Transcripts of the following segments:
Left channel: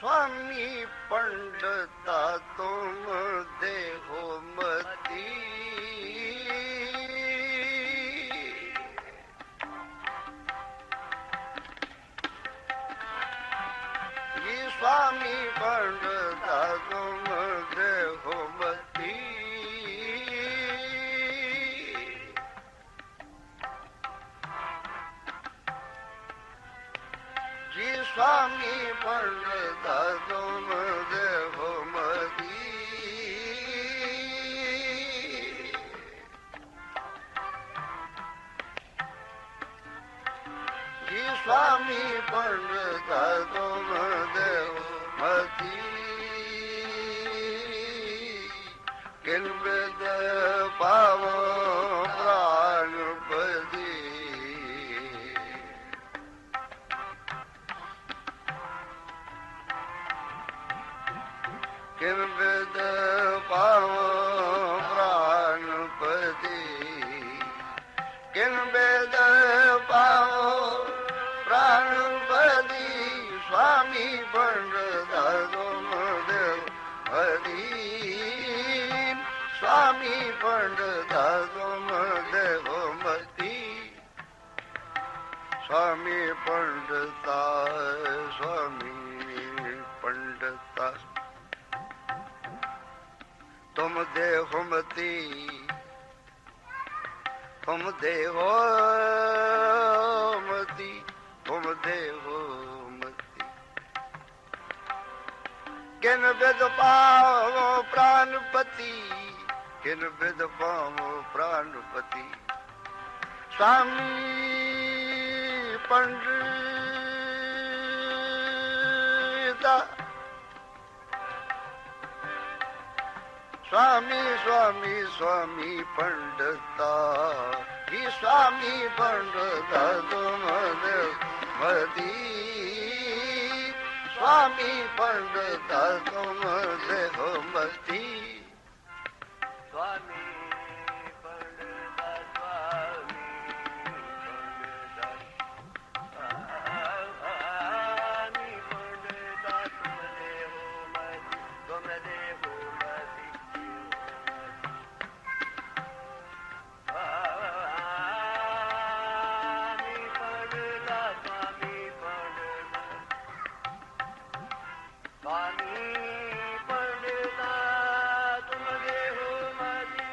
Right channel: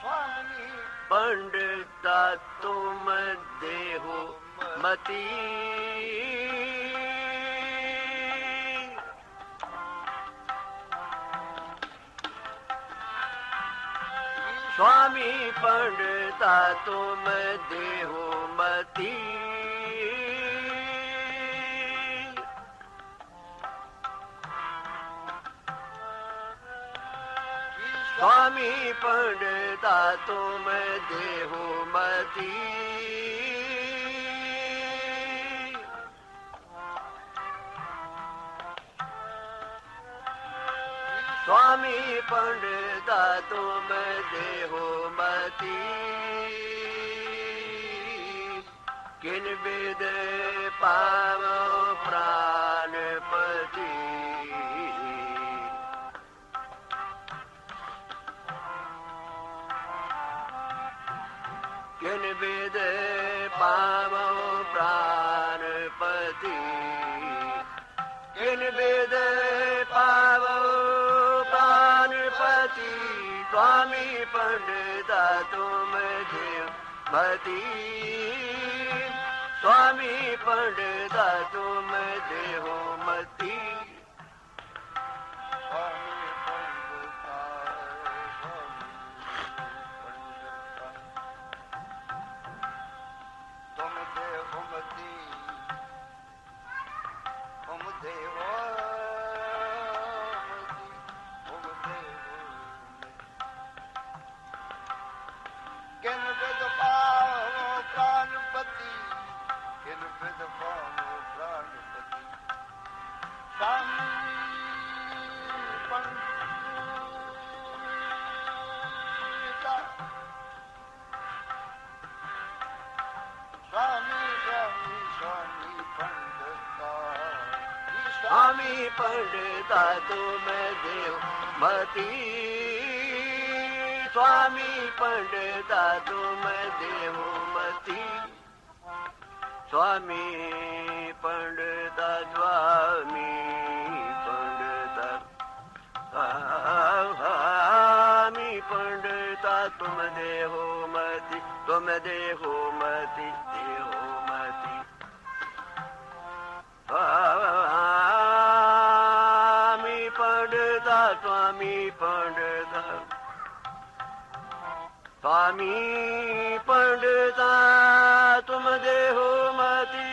स्वामी पंडिता तुम देहो मती, स्वामी पंडिता तुम देहो मती, स्वामी पंडिता तुम देहो मती, स्वामी पंडिता तुम देहो मती, किन विद पावो प्राणपति, किन विद पावो प्राणपति, किन विद पावो प्राणपति, स्वामी पंडिता तुम देवमति, स्वामी पंडिता तुम देवमति, स्वामी पंडिता, स्वामी पंडिता तुम देहोमति, तुम देहोमति, तुम देहोमति, किन विद पावो प्राणपति, किन विद पावो प्राणपति, स्वामी पंडिता, स्वामी स्वामी स्वामी पंडिता, ही स्वामी पंडिता तुम देवमति, स्वामी पंडिता तुम देवमति, स्वामी पंडिता, स्वामी पंडिता, स्वामी पंडिता तुम देवमति, तुम देवमति, स्वामी पंडिता, स्वामी पंडिता, स्वामी पंडिता तुम देहोमति,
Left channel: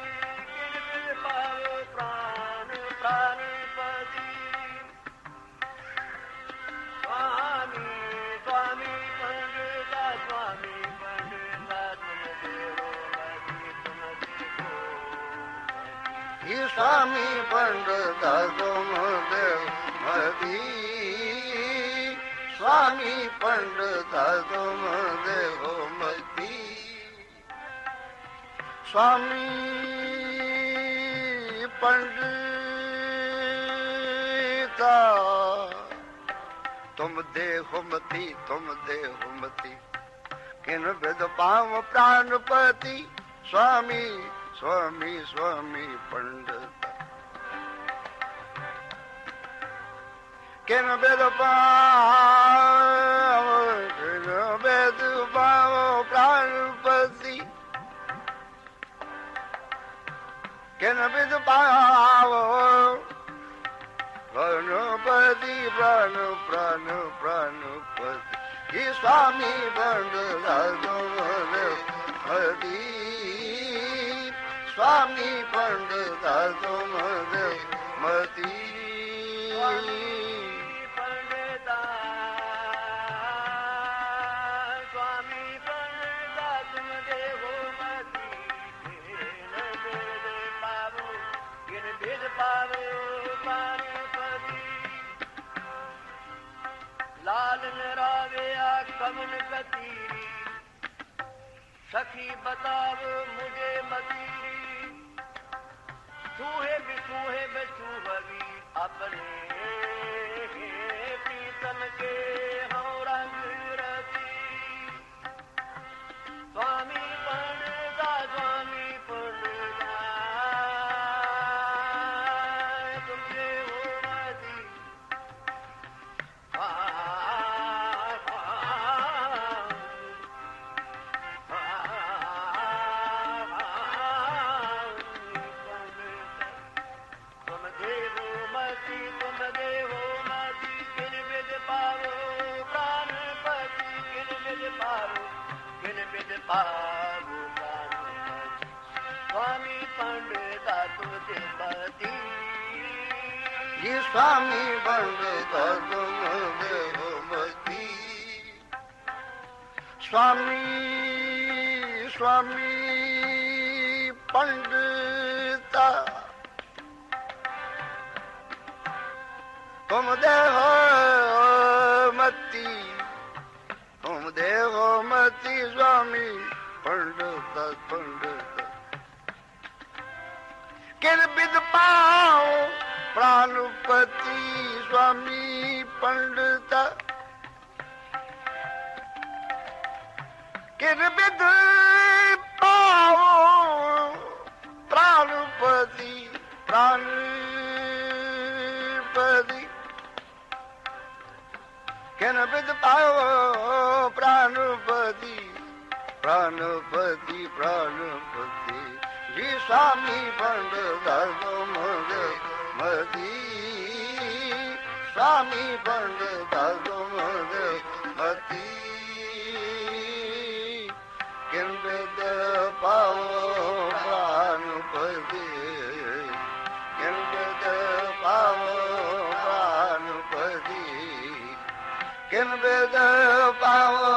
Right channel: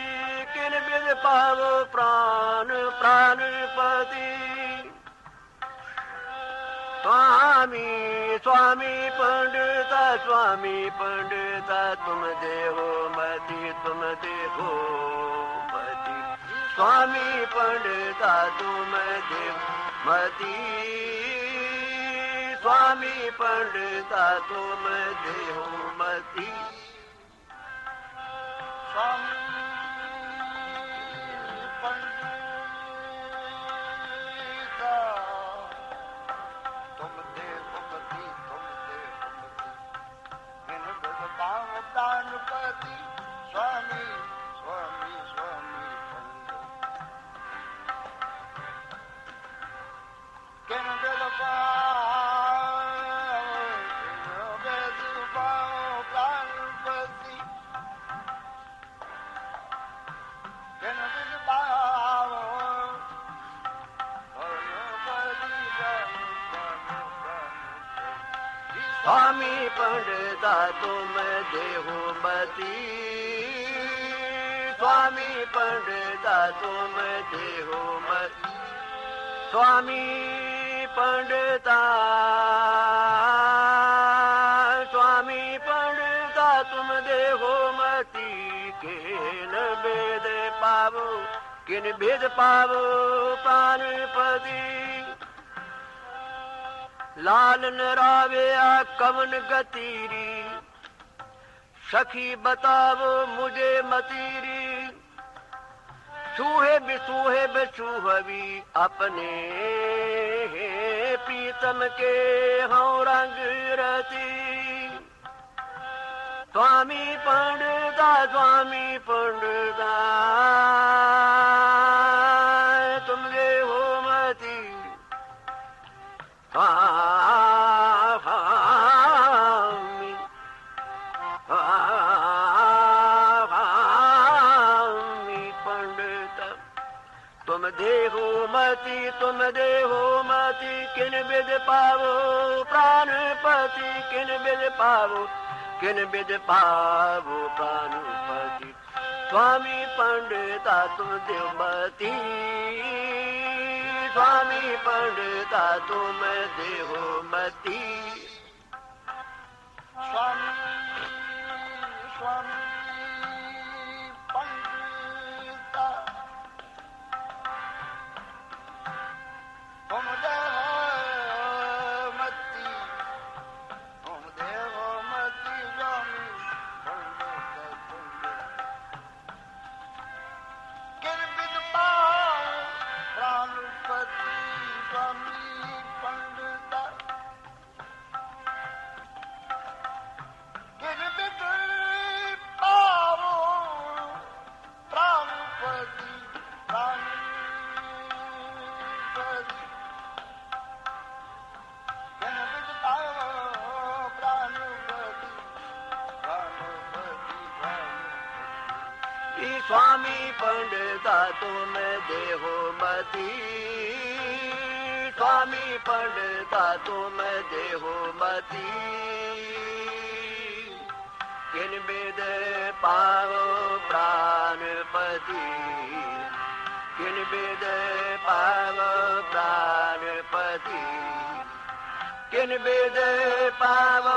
किन विद पावो प्राण प्राणपति, स्वामी स्वामी पंडिता, स्वामी पंडिता तुम देहोमति, तुम देहोमति, स्वामी पंडिता तुम देवमति, स्वामी पंडिता तुम देवमति, स्वामी पंडिता तुम देहोमति, तुम देहोमति, किन विद पावो प्राणपति, स्वामी स्वामी स्वामी पंडिता, किन विद पावो, किन विद पावो प्राणपति, किन विद पावो प्राणपति, प्राण प्राण प्राणपति, स्वामी पंडिता तुम देवमति, स्वामी पंडिता तुम देवमति, स्वामी पंडिता, स्वामी पंडिता तुम देवमति, किन विद पावो, किन विद पावो प्राणपति, लाल नरावेया कवन गतीरी, सखी बतावो मुझे मतीरी, चूहे बिचूहवी अपने प्रीतम के हों रंग रती, स्वामी पंडिता, स्वामी पंडिता तुम देवमति, पावो किन विद पावो प्राणपति स्वामी पंडिता तुम देवमती स्वामी पंडिता तुम देवमती स्वामी स्वामी पंडिता तुम देवमती स्वामी पंडिता पंडिता किन विद पाओ प्राणपति स्वामी पंडिता किन विद पाओ प्राणपति प्राणपति किन विद पाओ प्राणपति प्राणपति प्राणपति श्री स्वामी पंडिता तुम देवमती स्वामी पंडिता तुम देवमती किन विद पाओ प्राणपति किन विद पाओ प्राणपति किन विद पाओ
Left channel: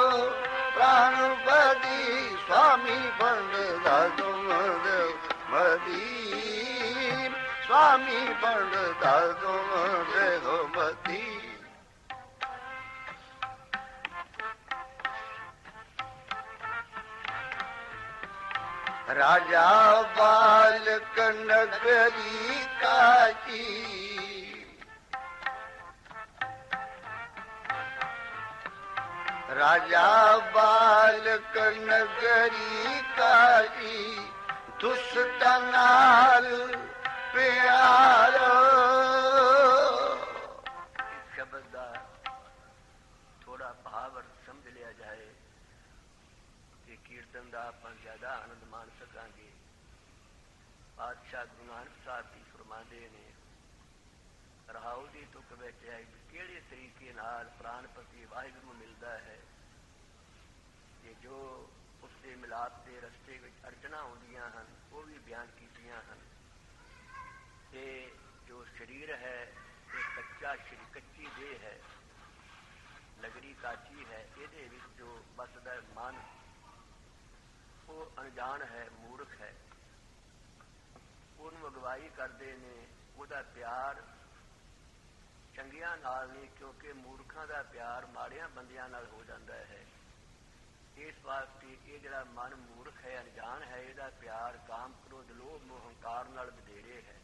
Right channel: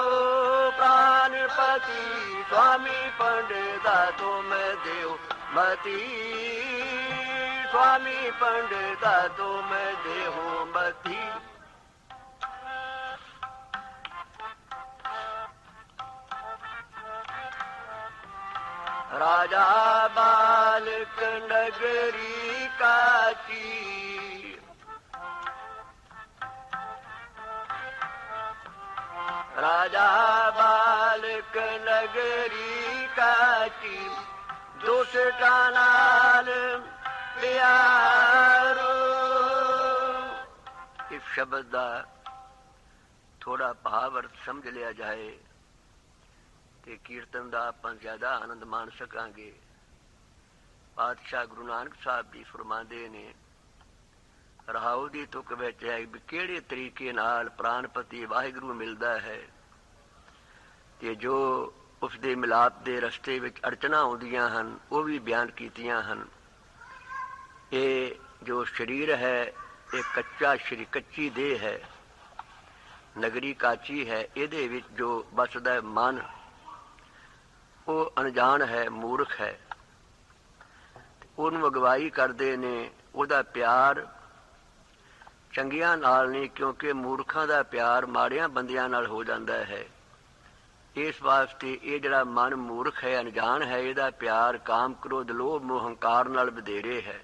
प्राणपति स्वामी पंडिता तुम देवमती स्वामी पंडिता तुम देवमती राजा बालक नगरी काची राजा बालक नगरी काची दुष्टा नाल प्यार इस शब्द का थोड़ा भाव अर्थ समझ लिया जाए ਤੇ ਕੀਰਤਨ ਦਾ ਆਪਾਂ ਜ਼ਿਆਦਾ ਆਨੰਦ ਮਾਣ ਸਕਾਂਗੇ। ਪਾਤਸ਼ਾਹ ਗੁਰੂ ਨਾਨਕ ਸਾਹਿਬ ਜੀ ਫਰਮਾਉਂਦੇ ਨੇ ਰਹਾਉ ਦੀ ਤੁਕ ਵਿੱਚ ਹੈ ਵੀ ਕਿਹੜੇ ਤਰੀਕੇ ਨਾਲ ਪ੍ਰਾਨਪਤੀ ਵਾਹਿਗੁਰੂ ਮਿਲਦਾ ਹੈ ਤੇ ਜੋ ਉਸ ਦੇ ਮਿਲਾਪ ਦੇ ਰਸਤੇ ਵਿੱਚ ਅੜਚਣਾ ਆਉਂਦੀਆਂ ਹਨ ਉਹ ਵੀ ਬਿਆਨ ਕੀਤੀਆਂ ਹਨ। ਇਹ ਜੋ ਸਰੀਰ ਹੈ ਇਹ ਕੱਚਾ ਸਰੀਰ ਕੱਚੀ ਦੇਹ ਹੈ, ਨਗਰੀ ਕਾਚੀ ਹੈ, ਇਹਦੇ ਵਿੱਚ ਜੋ ਬਸਦਾ ਮਨ ਉਹ ਅਣਜਾਣ ਹੈ, ਮੂਰਖ ਹੈ, ਉਹਨੂੰ ਅਗਵਾਈ ਕਰਦੇ ਨੇ। ਉਹਦਾ ਪਿਆਰ ਚੰਗਿਆਂ ਨਾਲ ਨਹੀਂ, ਕਿਉਂਕਿ ਮੂਰਖਾਂ ਦਾ ਪਿਆਰ ਮਾੜਿਆਂ ਬੰਦਿਆਂ ਨਾਲ ਹੋ ਜਾਂਦਾ ਹੈ। ਇਸ ਵਾਸਤੇ ਇਹ ਜਿਹੜਾ ਮਨ ਮੂਰਖ ਹੈ, ਅਣਜਾਣ ਹੈ, ਇਹਦਾ ਪਿਆਰ ਕਾਮ ਕ੍ਰੋਧ ਲੋਭ ਮੋਹ ਹੰਕਾਰ ਨਾਲ ਵਧੇਰੇ ਹੈ।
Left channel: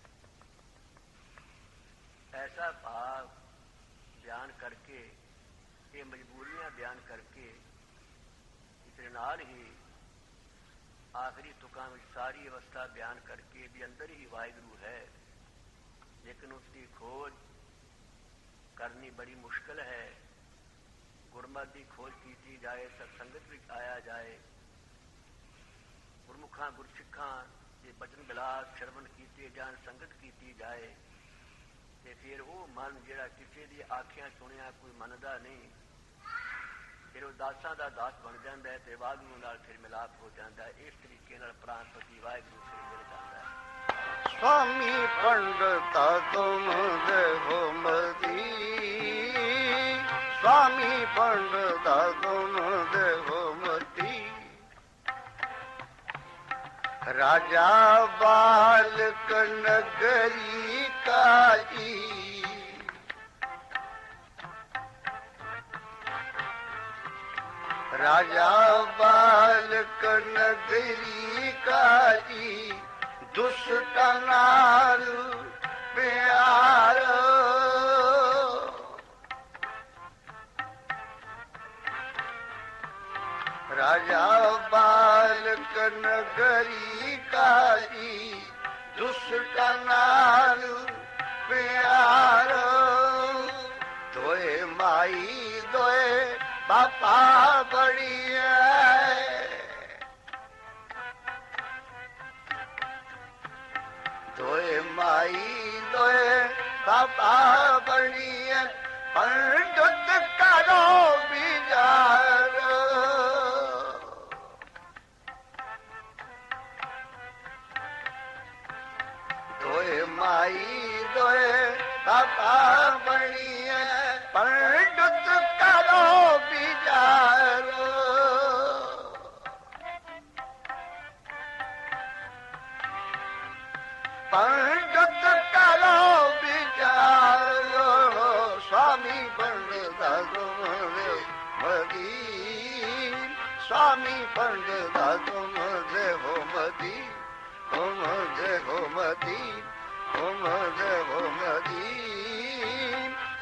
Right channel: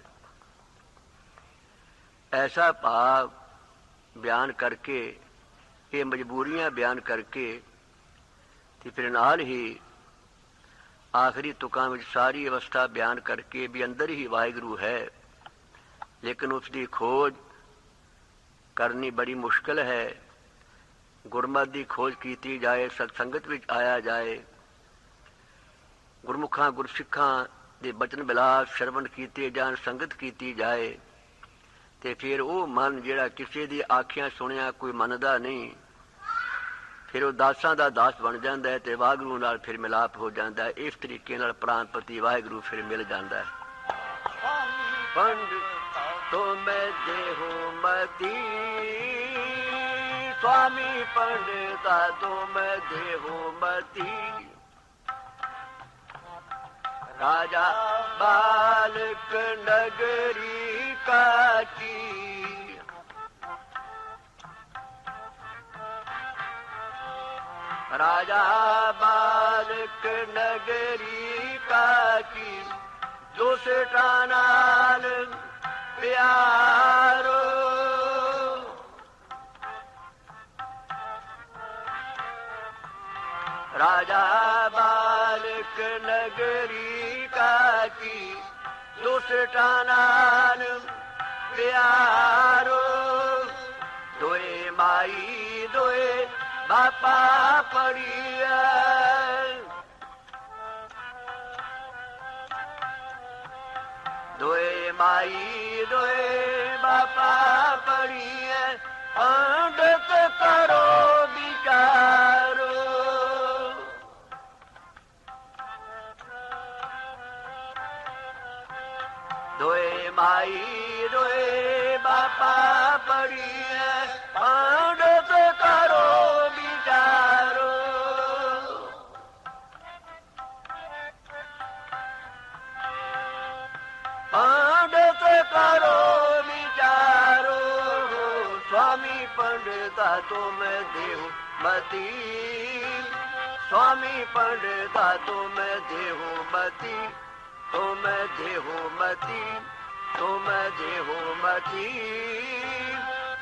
ਐਸਾ ਭਾਵ ਬਿਆਨ ਕਰਕੇ, ਇਹ ਮਜਬੂਰੀਆਂ ਬਿਆਨ ਕਰਕੇ ਤੇ ਫਿਰ ਨਾਲ ਹੀ ਆਖਰੀ ਤੁਕਾਂ ਵਿੱਚ ਸਾਰੀ ਅਵਸਥਾ ਬਿਆਨ ਕਰਕੇ ਵੀ ਅੰਦਰ ਹੀ ਵਾਹਿਗੁਰੂ ਹੈ, ਲੇਕਿਨ ਉਸ ਦੀ ਖੋਜ ਕਰਨੀ ਬੜੀ ਮੁਸ਼ਕਿਲ ਹੈ। ਗੁਰਮਤਿ ਦੀ ਖੋਜ ਕੀਤੀ ਜਾਏ, ਸਤਸੰਗਤ ਵਿੱਚ ਆਇਆ ਜਾਏ, ਗੁਰਮੁਖਾਂ ਗੁਰਸਿੱਖਾਂ ਦੇ ਬਚਨ ਬਿਲਾਸ ਸ਼ਰਵਣ ਕੀਤੇ ਜਾਣ, ਸੰਗਤ ਕੀਤੀ ਜਾਏ, ਤੇ ਫਿਰ ਉਹ ਮਨ ਜਿਹੜਾ ਕਿਸੇ ਦੀ ਆਖਿਆਂ ਸੁਣਿਆ ਕੋਈ ਮੰਨਦਾ ਨਹੀਂ, ਫਿਰ ਉਹ ਦਾਸਾਂ ਦਾ ਦਾਸ ਬਣ ਜਾਂਦਾ ਹੈ ਤੇ ਵਾਹਿਗੁਰੂ ਨਾਲ ਫਿਰ ਮਿਲਾਪ ਹੋ ਜਾਂਦਾ ਹੈ। ਇਸ ਤਰੀਕੇ ਨਾਲ ਪ੍ਰਾਨਪਤੀ ਵਾਹਿਗੁਰੂ ਫਿਰ ਮਿਲ ਜਾਂਦਾ ਹੈ। स्वामी पंडिता तुम देवमती स्वामी पंडिता तुम देवमती राजा बालक नगरी काजी राजा बालक नगरी काजी दुष्टा नाल प्यार राजा बालक नगरी काजी दुष्टा नाल प्यार दोए माई दोए बापा बड़ी दोए माई दोए बापा बड़ी पंडित करो बिगारो स्वामी पंडिता तुम देहो मती, तुम देहो मती, तुम देहो मती,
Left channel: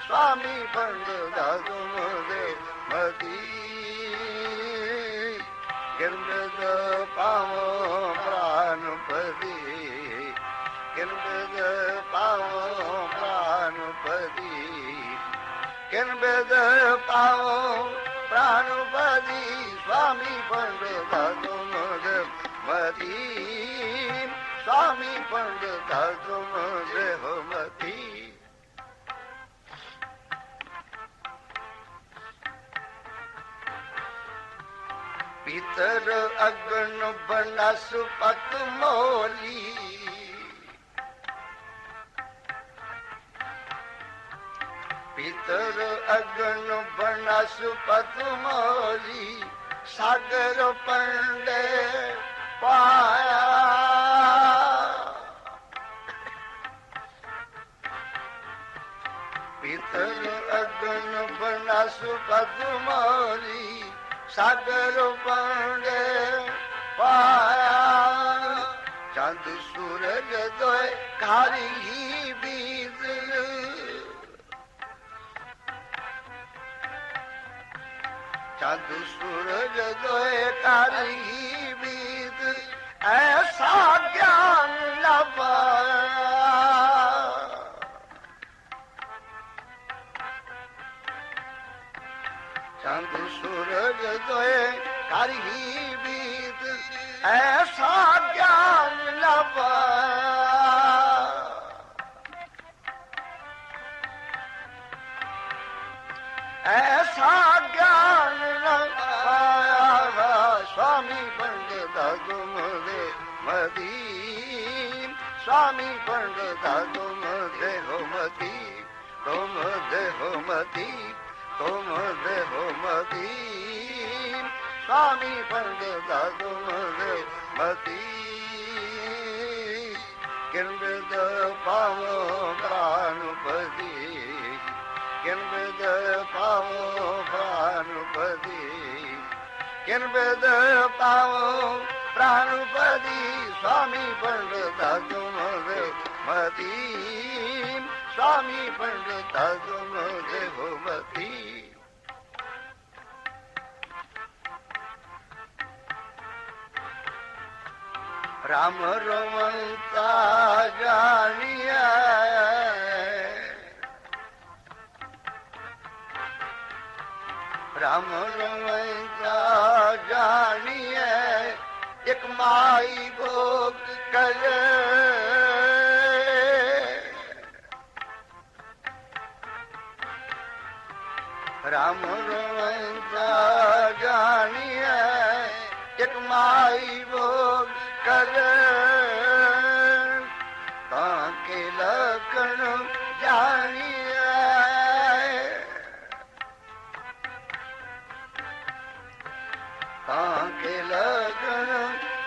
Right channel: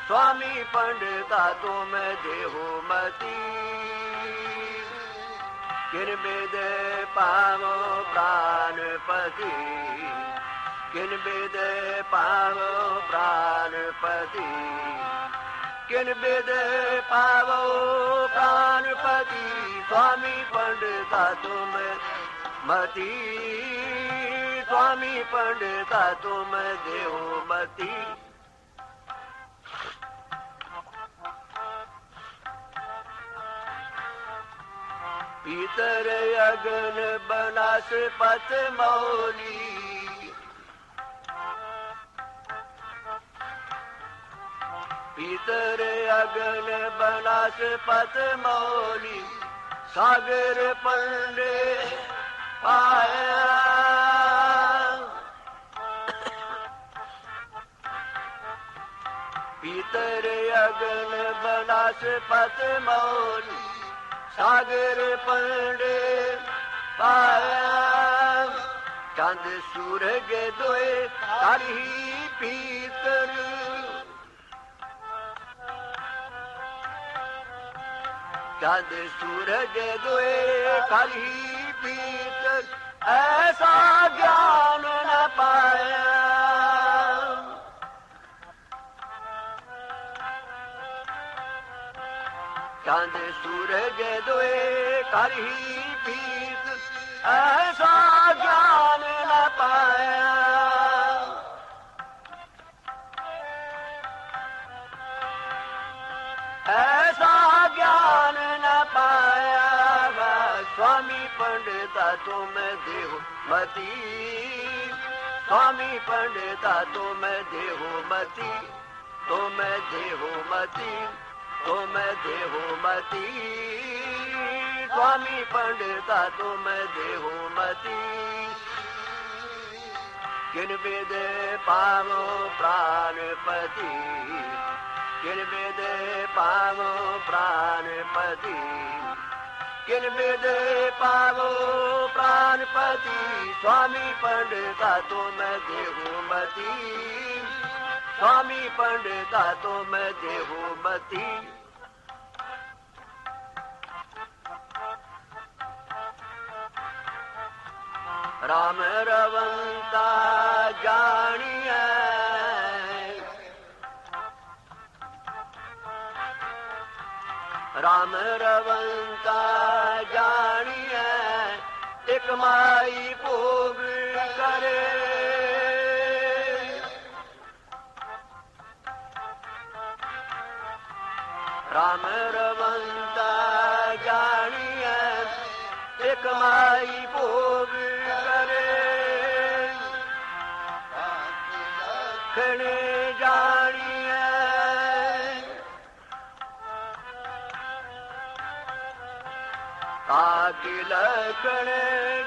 स्वामी पंडिता तुम देहो मती। किरबिद पाओ प्राणपति, किरबिद पाओ प्राणपति, किरबिद पाओ प्राणपति, स्वामी पंडिता तुम मती, स्वामी पंडिता तुम देहो मती। पीतर अगन बनस्पत मौली, पीतर अगन बनस्पत मौली, सागर पंडे पाया। पीतर अगन बनस्पत मौली, सागर पंडे पाया। चांद सूरज दोए खाई भीतर, चांद सूरज दोए खाई भीतर, ऐसा ज्ञान न पाया। चांद सूरज दोए खाई भीतर, ऐसा ज्ञान न पाया। ऐसा ज्ञान न पाया। स्वामी पंडिता तुम देहो मती, स्वामी पंडिता तुम देहो मती, तुम देहो मती, तुम देहो मती, स्वामी पंडिता तुम देहो मती। किरबिद पाओ प्राणपति, किरबिद पाओ प्राणपति, किरबिद पाओ प्राणपति, स्वामी पंडिता तुम देहो मती, स्वामी पंडिता तुम देहो मती। राम रवंता जानिए, राम रवंता जानिए, एक माई भोग करे। राम रवंता जानिए, एक माई भोग करे। ताके लखन जानिए, ताके लखन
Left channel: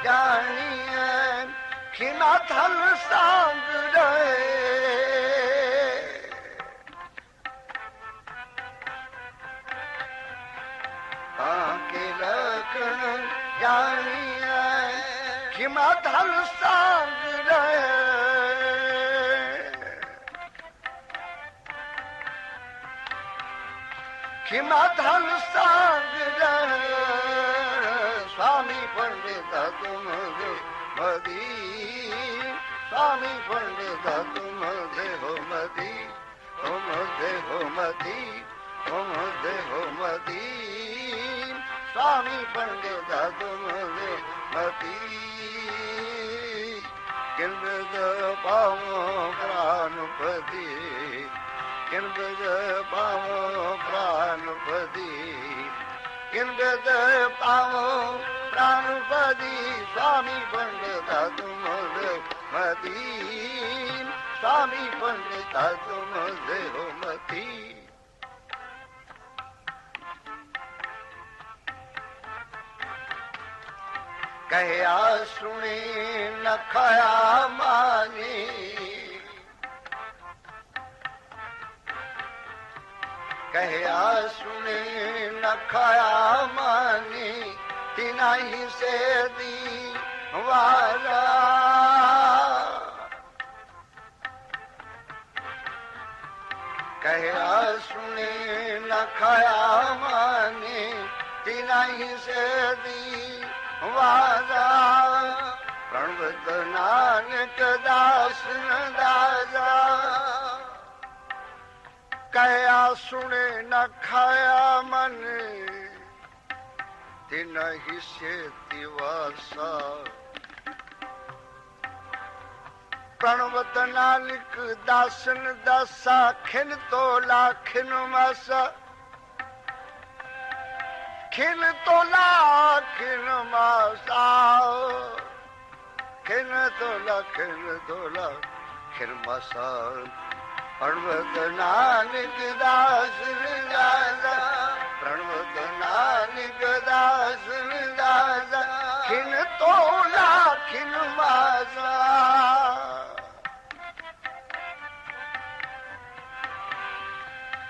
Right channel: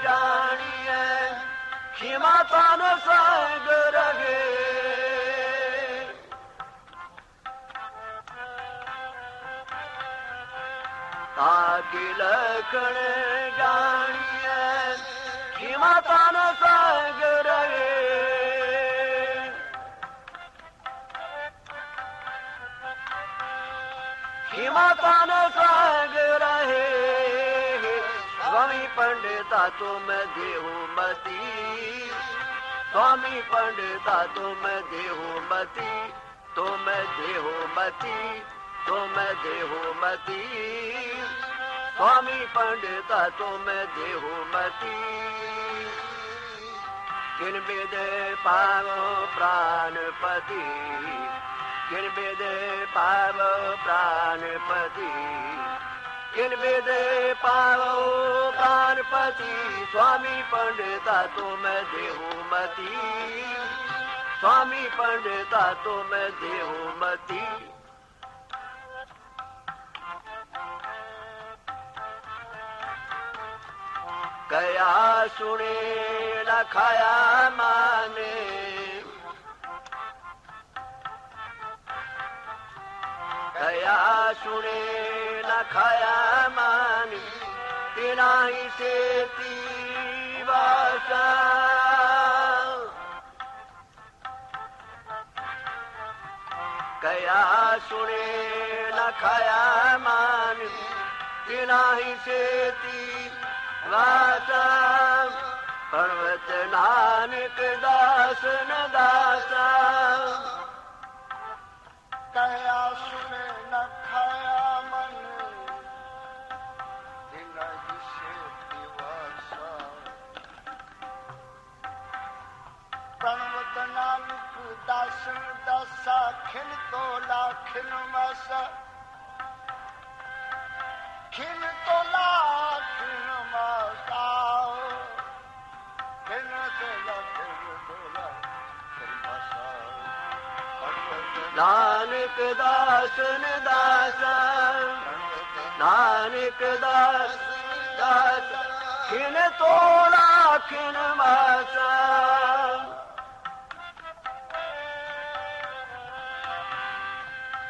जानिए, खिमा थान संग रहे। ताके लखन जानिए, खिमा थान संग रहे। खिमा थान संग रहे। स्वामी पंडिता तुम देहो मती, स्वामी पंडिता तुम देहो मती, तुम देहो मती, तुम देहो मती, स्वामी पंडिता तुम देहो मती। किरबिद पाओ प्राणपति, किरबिद पाओ प्राणपति, किरबिद पाओ प्राणपति, स्वामी पंडिता तुम देहो मती, स्वामी पंडिता तुम देहो मती। कया सुने न खाया माने, कया सुने न खाया माने, दी वाजा प्रणवत नानक दास न दासा कया सुने न खाया मन तिन हिस्से दिवासा प्रणवत नानक दासन दासा खिन तोला खिन मासा खिन तोला खिन मासा खिन तोला खिन मासा प्रणवत नानक दासन दासा प्रणवत नानक दासन दासा खिन तोला खिन मासा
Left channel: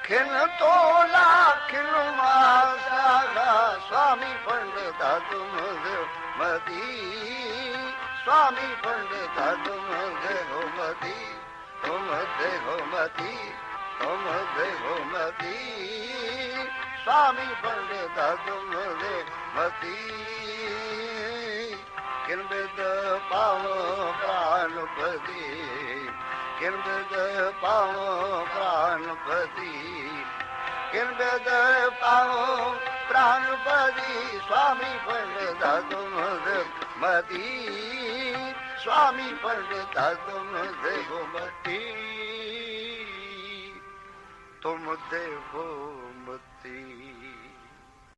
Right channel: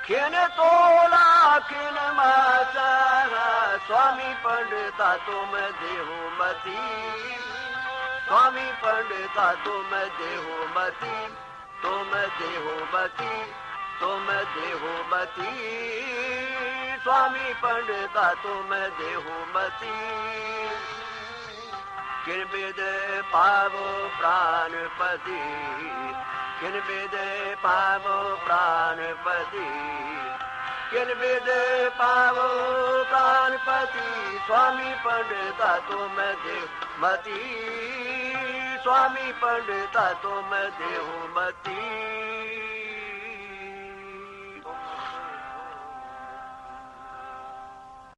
खिन तोला खिन मासा स्वामी पंडिता तुम देवमती स्वामी पंडिता तुम देवमती तुम देवमती तुम देवमती स्वामी पंडिता तुम देवमती किन विद पावो प्राणपति किन विद पावो प्राणपति किन विद पावो प्राणपति स्वामी पंडिता तुम देवमती स्वामी पंडिता तुम देवमती तुम देवो